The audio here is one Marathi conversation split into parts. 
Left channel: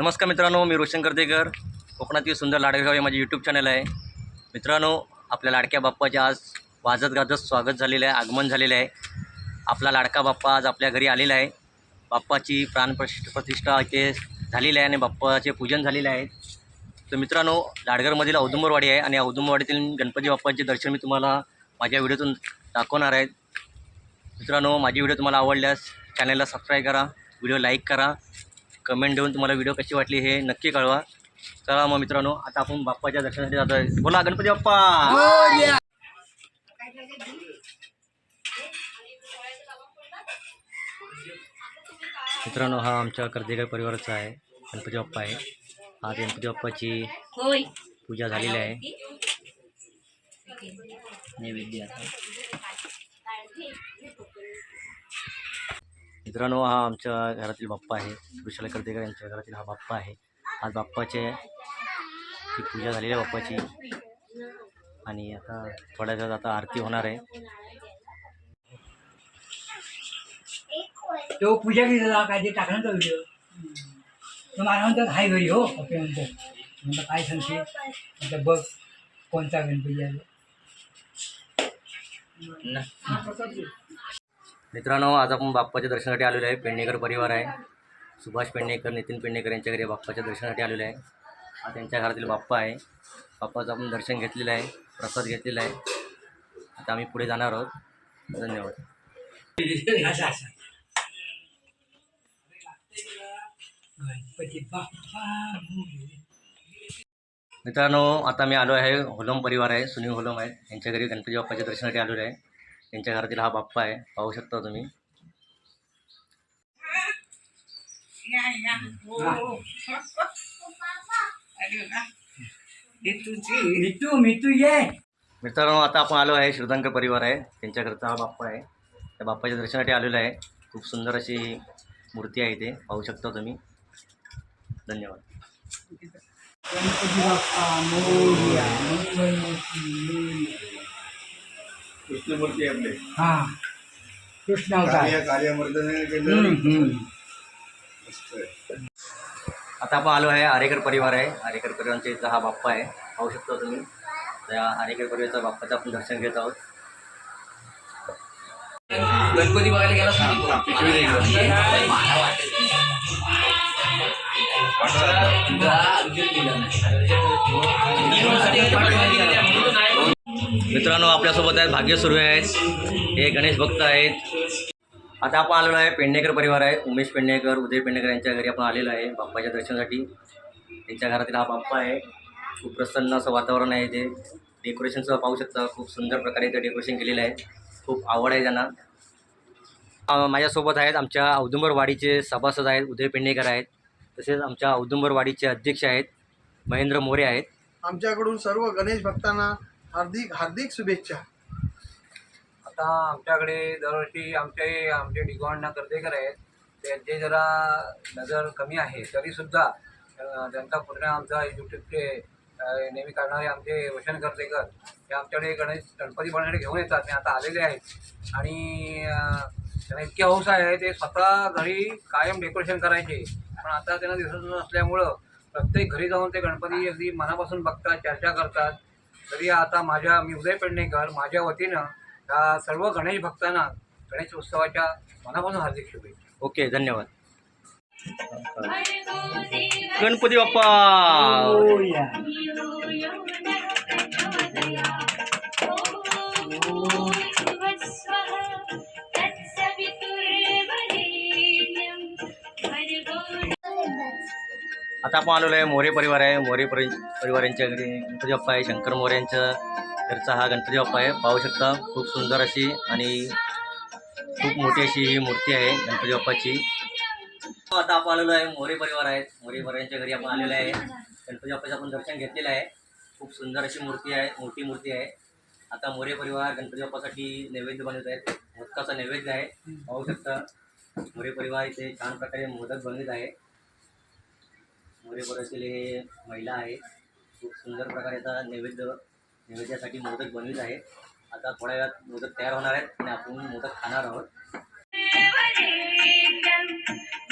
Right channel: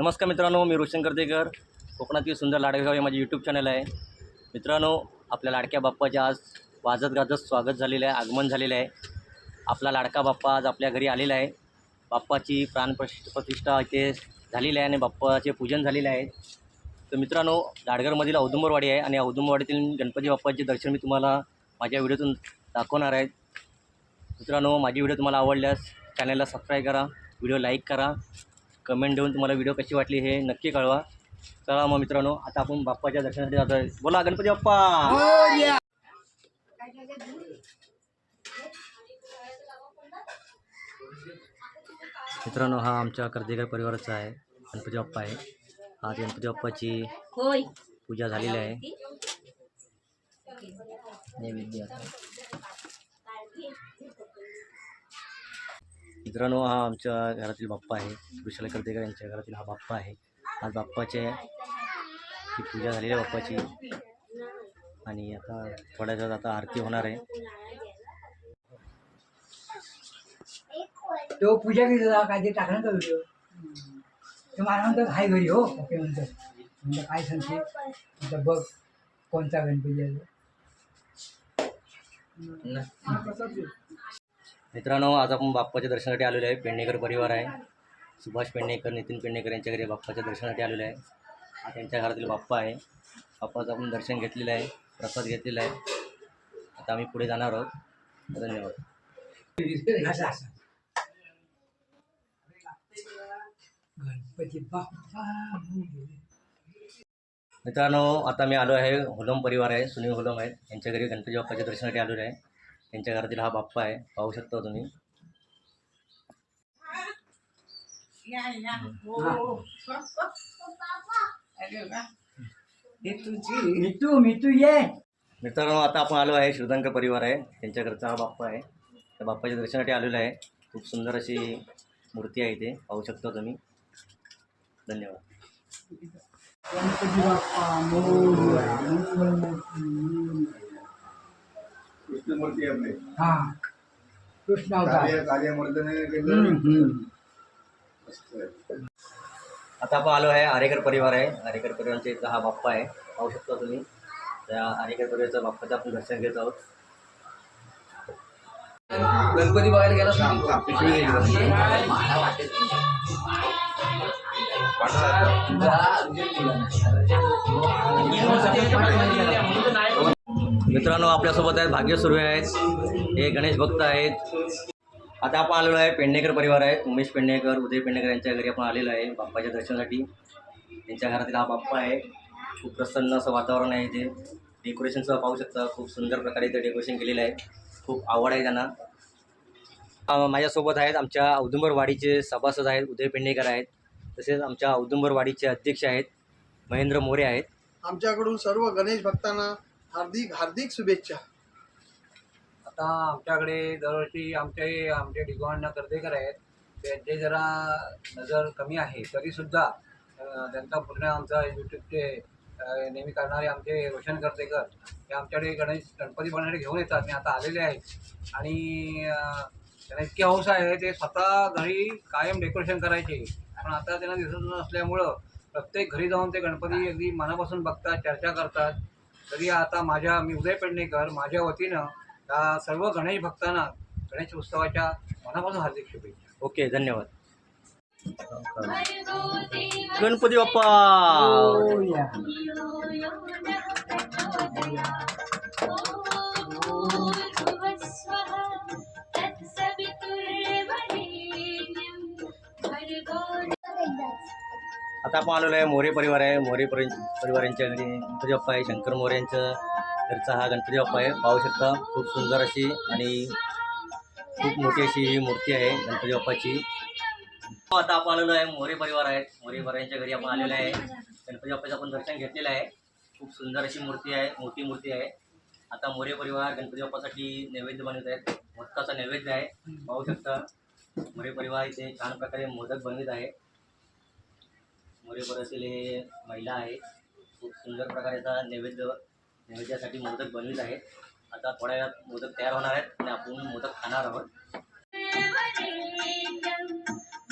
नमस्कार मित्रांनो मी रोशन कर्तेकर कोकणातील सुंदर लाडगाव हे माझे यूट्यूब चॅनल आहे. मित्रांनो आपल्या लाडक्या बाप्पाचे आज वाजत गाजत स्वागत झालेलं आहे आगमन झालेलं आहे. आपला लाडका बाप्पा आज आपल्या घरी आलेला आहे. बाप्पाची प्राणप्रतिष्ठ प्रतिष्ठा इथे झालेली आहे आणि बाप्पाचे पूजन झालेले आहे. तर मित्रांनो लाडगरमधील औदुंबरवाडी आहे आणि औदुंबरवाडीतील गणपती बाप्पाचे दर्शन मी तुम्हाला माझ्या व्हिडिओतून दाखवणार आहे. मित्रांनो माझी व्हिडिओ तुम्हाला आवडल्यास चॅनलला सबस्क्राईब करा व्हिडिओ लाईक करा. कमेंट देऊन तुम्हाला व्हिडिओ कशी वाटली हे नक्की कळवा. चला मग मित्रांनो आता आपण बाप्पाच्या दर्शनासाठी जातो आहे बोला गणपती बाप्पा! मित्रांनो हा आमच्या कर्देकर परिवाराचा आहे. गणपती बाप्पा आहे. आज गणपती बाप्पाची पूजा झालेली आहे. नैवेद्य आता. मित्रांनो हा आमच्या घरातील बाप्पा आहे. विशाल कर्तेकर यांच्या घरातील हा बाप्पा आहे. आज बाप्पाचे ची पूजा झालेली आहे बाप्पाची. आणि आता थोड्या वेळात आता आरती होणार आहे. तो पूजा केलेला काय ते टाकणार का व्हिडिओ तर मला म्हणतात हाय घरी हो. पप्पे म्हणतात म्हणलं काय सांगते? म्हणलं बघ कोणता गणपती आहे मित्रांनो आज आपण बाप्पाच्या दर्शनासाठी आलेलो आहे. पेडणेकर परिवार आहे. सुभाष पेडणेकर नितीन पेडणेकर यांच्या घरी बाप्पाच्या दर्शनासाठी आलेलो आहे. हा त्यांच्या घरातील बाप्पा आहे. बाप्पाचं आपण दर्शन घेतलेलं आहे. प्रसाद घेतलेला आहे. आता आम्ही पुढे जाणार आहोत. धन्यवाद. मित्रांनो आता मी आलो आहे. होलम परिवार आहे. सुनील होलम आहे. यांच्या घरी गणपती बाप्पाच्या दर्शनासाठी आलेलो आहे. त्यांच्या घरातील हा बाप्पा आहे. पाहू शकता तुम्ही. मितू मितू ये. मित्रांनो आता आपण आलो आहे श्रीधंकर परिवार आहे. त्यांच्या घरचा हा बाप्पा आहे. त्या बाप्पाच्या दर्शनासाठी आलेलो आहे. खूप सुंदर अशी मूर्ती आहे इथे. पाहू शकता तुम्ही. धन्यवाद. कृष्णमूर्ती आपले. हा. कृष्ण अवतार. कार्य कार्यमर्दन हम्म, केलं. हम्म. मस्त आहे. आता आपण आलो आहे आरेकर परिवार आहे. आरेकर परिवारांच्या इथला हा बाप्पा आहे. पाहू शकता तुम्ही. त्या आरेकर परिवाराचा बाप्पाचं आपण दर्शन घेत आहोत. गणपती बघायला गेला मित्रांनो आपल्यासोबत आहेत भाग्य सुर्वे आहेत. हे गणेश भक्त आहेत. आता आपण आलेलो आहे पेडणेकर परिवार आहे. उमेश पेडणेकर उदय पेडणेकर यांच्या घरी आपण आलेलो आहे बाप्पाच्या दर्शनासाठी. त्यांच्या घरातील हा बाप्पा आहे. खूप प्रसन्न असं वातावरण आहे इथे. डेकोरेशनचं पाहू शकता खूप सुंदर प्रकारे इथे डेकोरेशन केलेलं आहे. खूप आवड आहे त्यांना. माझ्यासोबत आहेत आमच्या औदुंबरवाडीचे सभासद आहेत उदय पेडणेकर आहेत. तसेच आमच्या औदुंबरवाडीचे अध्यक्ष आहेत महेंद्र मोरे आहेत. आमच्याकडून सर्व गणेश भक्तांना हार्दिक हार्दिक शुभेच्छा. आता आमच्याकडे दरवर्षी आमचे आमचे डिगॉन कर्तेकर आहेत. त्यांचे जरा नजर कमी आहे. तरीसुद्धा त्यांचा पूर्ण आमचा यूट्यूबचे नेहमी करणारे आमचे रोशन कर्तेकर हे आमच्याकडे गणेश गणपती बनवण्याकडे घेऊन येतात. आणि आता आलेले आहेत. आणि त्यांना इतकी हौस आहे ते स्वतः घरी कायम डेकोरेशन करायचे. पण आता त्यांना दिसत नसल्यामुळं प्रत्येक घरी जाऊन ते गणपती अगदी मनापासून बघतात चर्चा करतात. तरी आता माझ्या मी उदय पेडणेकर माझ्या वतीनं या सर्व गणेश भक्तांना गणेश उत्सवाच्या मनापासून हार्दिक शुभेच्छा. ओके धन्यवाद. गणपती बाप्पा! आता आपण आलेलो आहे मोरे परिवार आहे. मोरे परि परिवारांच्या घरी. गणपती बाप्पा आहे शंकर मोरे यांच्या घरचा हा गणपती बाप्पा आहे. पाहू शकता खूप सुंदर अशी आणि खूप मोठी अशी ही मूर्ती आहे गणपती बाप्पाची. हो, आता आपण आलेलो आहे मोरे परिवार आहे मोरे परिवारांच्या घरी आपण आलेलो आहे. गणपती बाप्पाचं आपण दर्शन घेतलेलं आहे. खूप सुंदर अशी मूर्ती आहे मोठी मूर्ती आहे. आता मोरे परिवार गणपती बाप्पासाठी नैवेद्य बनवत आहेत. मोदकाचा नैवेद्य आहे. पाहू शकता मोरे परिवार इथे छान प्रकारे मोदक बनवित आहे. मोरे परिवारातील हे महिला आहे खूप सुंदर प्रकारे आता नैवेद्य नैवेद्यासाठी मोदक बनवित आहे आता थोड्या वेळात मोदक तयार होणार आहेत आणि आपण मोदक खाणार आहोत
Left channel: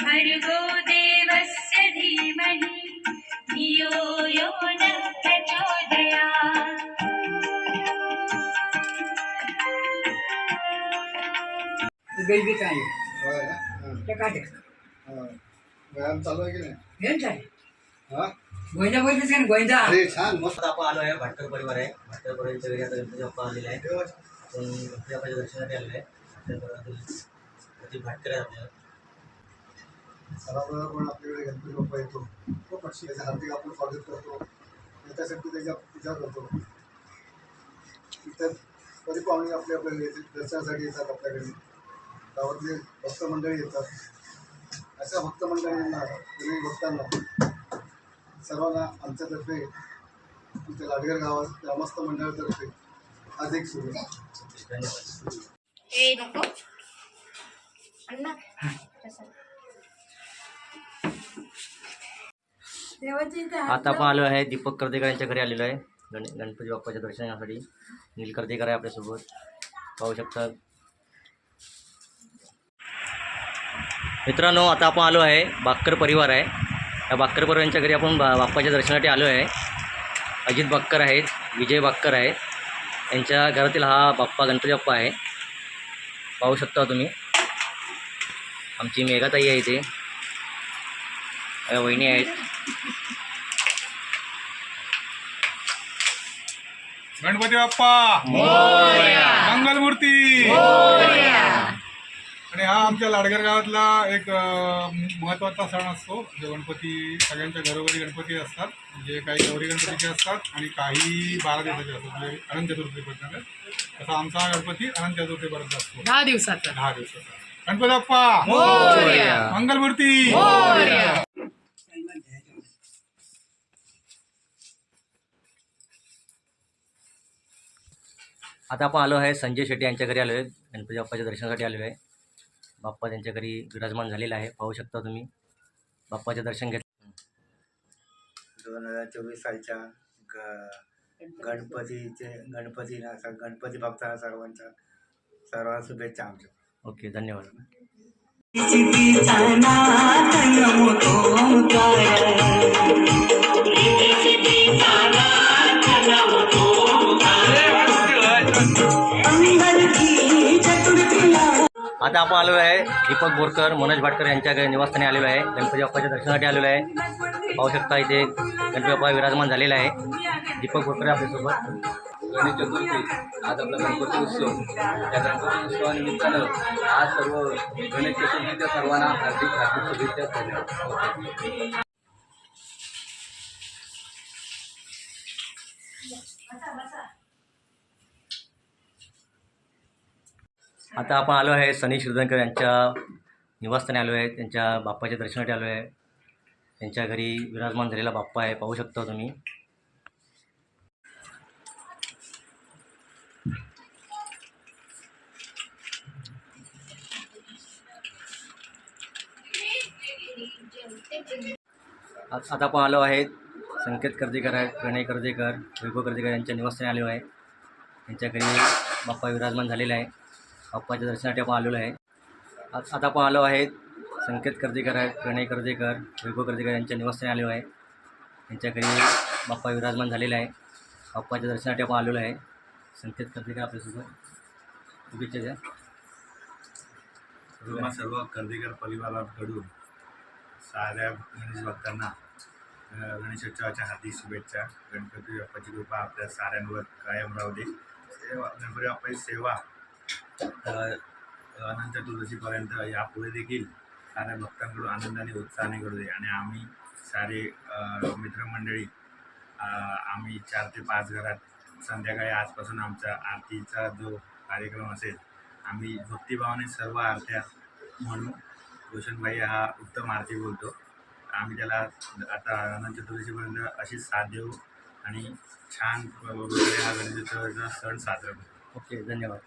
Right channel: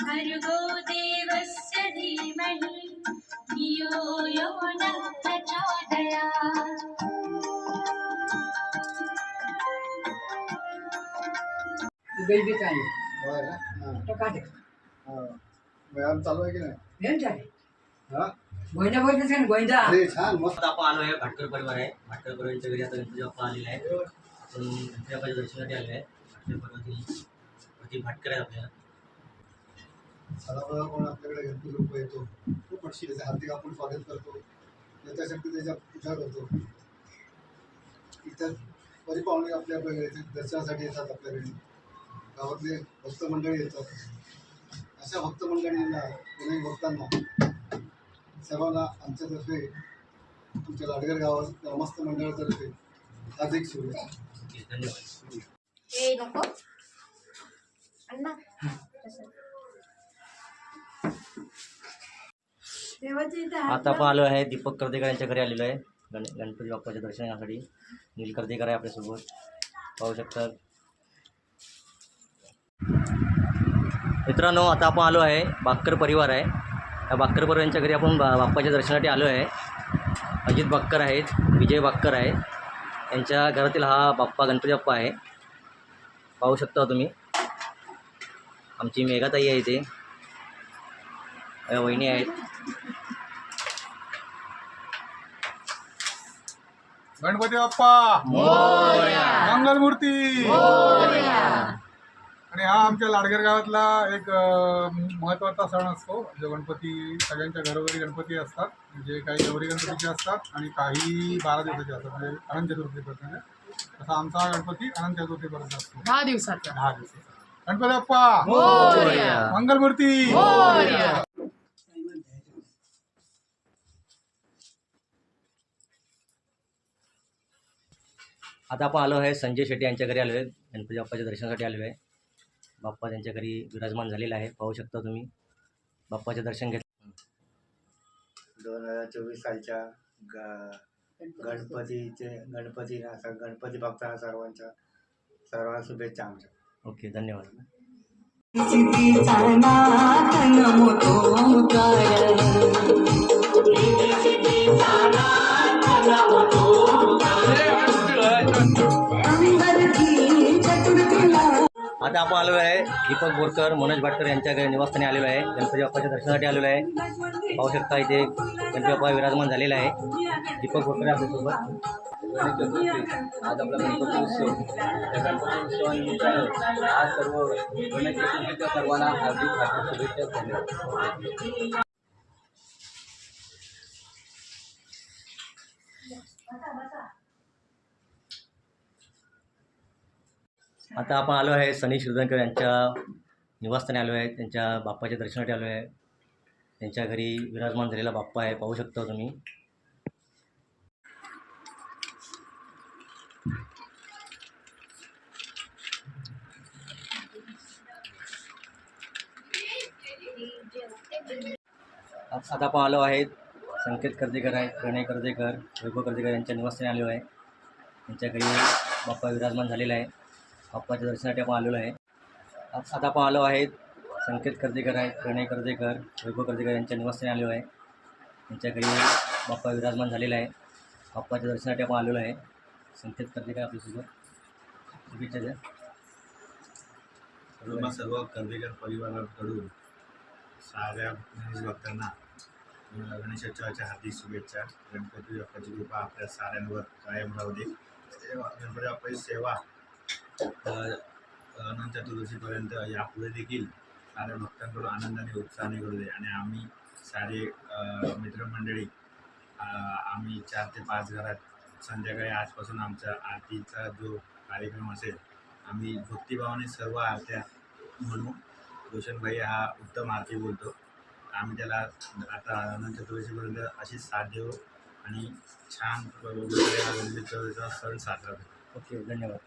भर्गो देवस्य धीमहि नहीं धियो यो न प्रचोदयात् बेबीच आहे? हां. तर काय? हां. व्यायाम चालू आहे की नाही आहे हा? का अरे छान मस्त. आपण आलो आहे भाटकर परिवार आहे. भाटकर परिवारांच्या घरी आता गणपती बाप्पा आलेला आहे आपण गणपती बाप्पाच्या दर्शनासाठी आलेलो आहे भाटकर परिवारातील भाटकर आहे आपल्याला. सणावार पण आपल्याकडे गणपती बाप्पा येतो. त्याचे हार्दिक आपण स्वागत करतो. त्याच्यासाठी त्याच्या पूजा करतो. इतर परिपाहुणे आपल्या आपल्या दर्शनासाठी येतात आपल्याकडे. गावातले भक्त मंडळी येतात. अशा भक्त मंडळींना पुणे भक्तांना सर्वांना आमच्यातर्फे आमच्या लाडगर गावात ग्रामस्थ मंडळातर्फे हार्दिक शुभेच्छा. ओके धन्यवाद. ए नको. अण्णा. देवाची इथे हात आता आपण आलो आहे दीपक कर्देकर यांच्या घरी आलेलो आहे. गण गणपती बाप्पाच्या दर्शनासाठी. नील कर्देकर आहे आपल्यासोबत. पाहू शकता. मित्रांनो आता आपण आलो आहे बाक्कर परिवार आहे. या बाक्कर परिवारांच्या घरी आपण बा बाप्पाच्या दर्शनासाठी आलो आहे. अजित बाक्कर आहेत विजय बाक्कर आहेत. यांच्या घरातील हा बाप्पा गणपती बाप्पा आहे. पाहू शकता तुम्ही. आमची मेघाताई आहे इथे. वहिनी आहेत. गणपती बाप्पा! मंगलमूर्ती! आणि हा आमच्या लाडगर गावातला एक महत्त्वाचा सण असतो. जो गणपती सगळ्यांच्या घरोघरी गणपती असतात. जे काही गौरी गणपतीचे असतात आणि काही बारा दिवसाचे असतात. म्हणजे अनंत चतुर्थीपर्यंत तसा आमचा हा गणपती अनंत चतुर्थीपर्यंत असतो. दहा दिवसाचा. दहा दिवसाचा. गणपती बाप्पा! मंगलमूर्ती आता आपण आलो आहे संजय शेट्टी यांच्या घरी आलो आहे. गणपती बाप्पाच्या दर्शनासाठी आलेलो आहे. बाप्पा त्यांच्या घरी विराजमान झालेला आहे. पाहू शकता तुम्ही. बाप्पाचे दर्शन घेत दोन हजार चोवीस सालच्या ग गणपतीचे. गणपती गणपती भक्तांना सर्वांच्या सर्वांना शुभेच्छा आमच्या. ओके धन्यवाद. आता आपण आलेलो आहे दीपक बोरकर मनोज भाटकर यांच्या निवासस्थानी आलेलो आहे. गणपती बाप्पाच्या दर्शनासाठी आलेलो आहे. पाहू शकता इथे गणपती बाप्पा विराजमान झालेला आहे. दीपक बोरकर आपल्यासोबत. गणेश चतुर्थी. आज आपला गणपती उत्सव. त्या गणपती उत्सवानिमित्तानं आज सर्व गणेश चतुर्थीच्या सर्वांना हार्दिक हार्दिक शुभेच्छा धन्यवाद. आता आपण आलो आहे सनी शिरदनकर यांच्या निवासस्थानी आलो आहे त्यांच्या बाप्पाच्या दर्शनासाठी आलो आहे. त्यांच्या घरी विराजमान झालेला बाप्पा आहे पाहू शकता तुम्ही. आज आता आपण आलो आहेत संकेत कर्देकर आहेत प्रणय कर्देकर वैभव कर्देकर यांच्या निवासस्थानी आलो आहे. त्यांच्या घरी बाप्पा विराजमान झालेला आहे. बाप्पाच्या दर्शनासाठी आपण आलेलो आहे. आज आता आपण आलो आहेत संकेत कर्देकर आहेत प्रणय कर्देकर वैभव कर्देकर यांच्या निवासस्थानी आलो आहे. त्यांच्या घरी बाप्पा विराजमान झालेला आहे. बाप्पाच्या दर्शनासाठी आपण आलेलो आहे. संकेत कर्देकर आपल्यासोबत. शुभेच्छा द्या. सर्व सर्व कर्देकर परिवाराकडून साऱ्या गणेश भक्तांना गणेशोत्सवाच्या हार्दिक शुभेच्छा. गणपती बाप्पाची कृपा आपल्या साऱ्यांवर कायम राहू दे. सेवा गणपती बाप्पाची सेवा तर अनंत चतुर्दशीपर्यंत यापुढे देखील साऱ्या भक्तांकडून आनंदाने उत्साहाने घडू दे. आणि आम्ही सारे मित्रमंडळी आम्ही चार ते पाच घरात संध्याकाळी आजपासून आमचा आरतीचा जो कार्यक्रम असेल आम्ही भक्तिभावाने सर्व आरत्या म्हणू. रोशनभाई हा उत्तम आरती बोलतो. आम्ही त्याला आता अनंत चतुर्दशीपर्यंत अशीच साथ देऊ आणि छान प्रकारे हा गणेशोत्सवाचा सण साजरा करू. ओके धन्यवाद.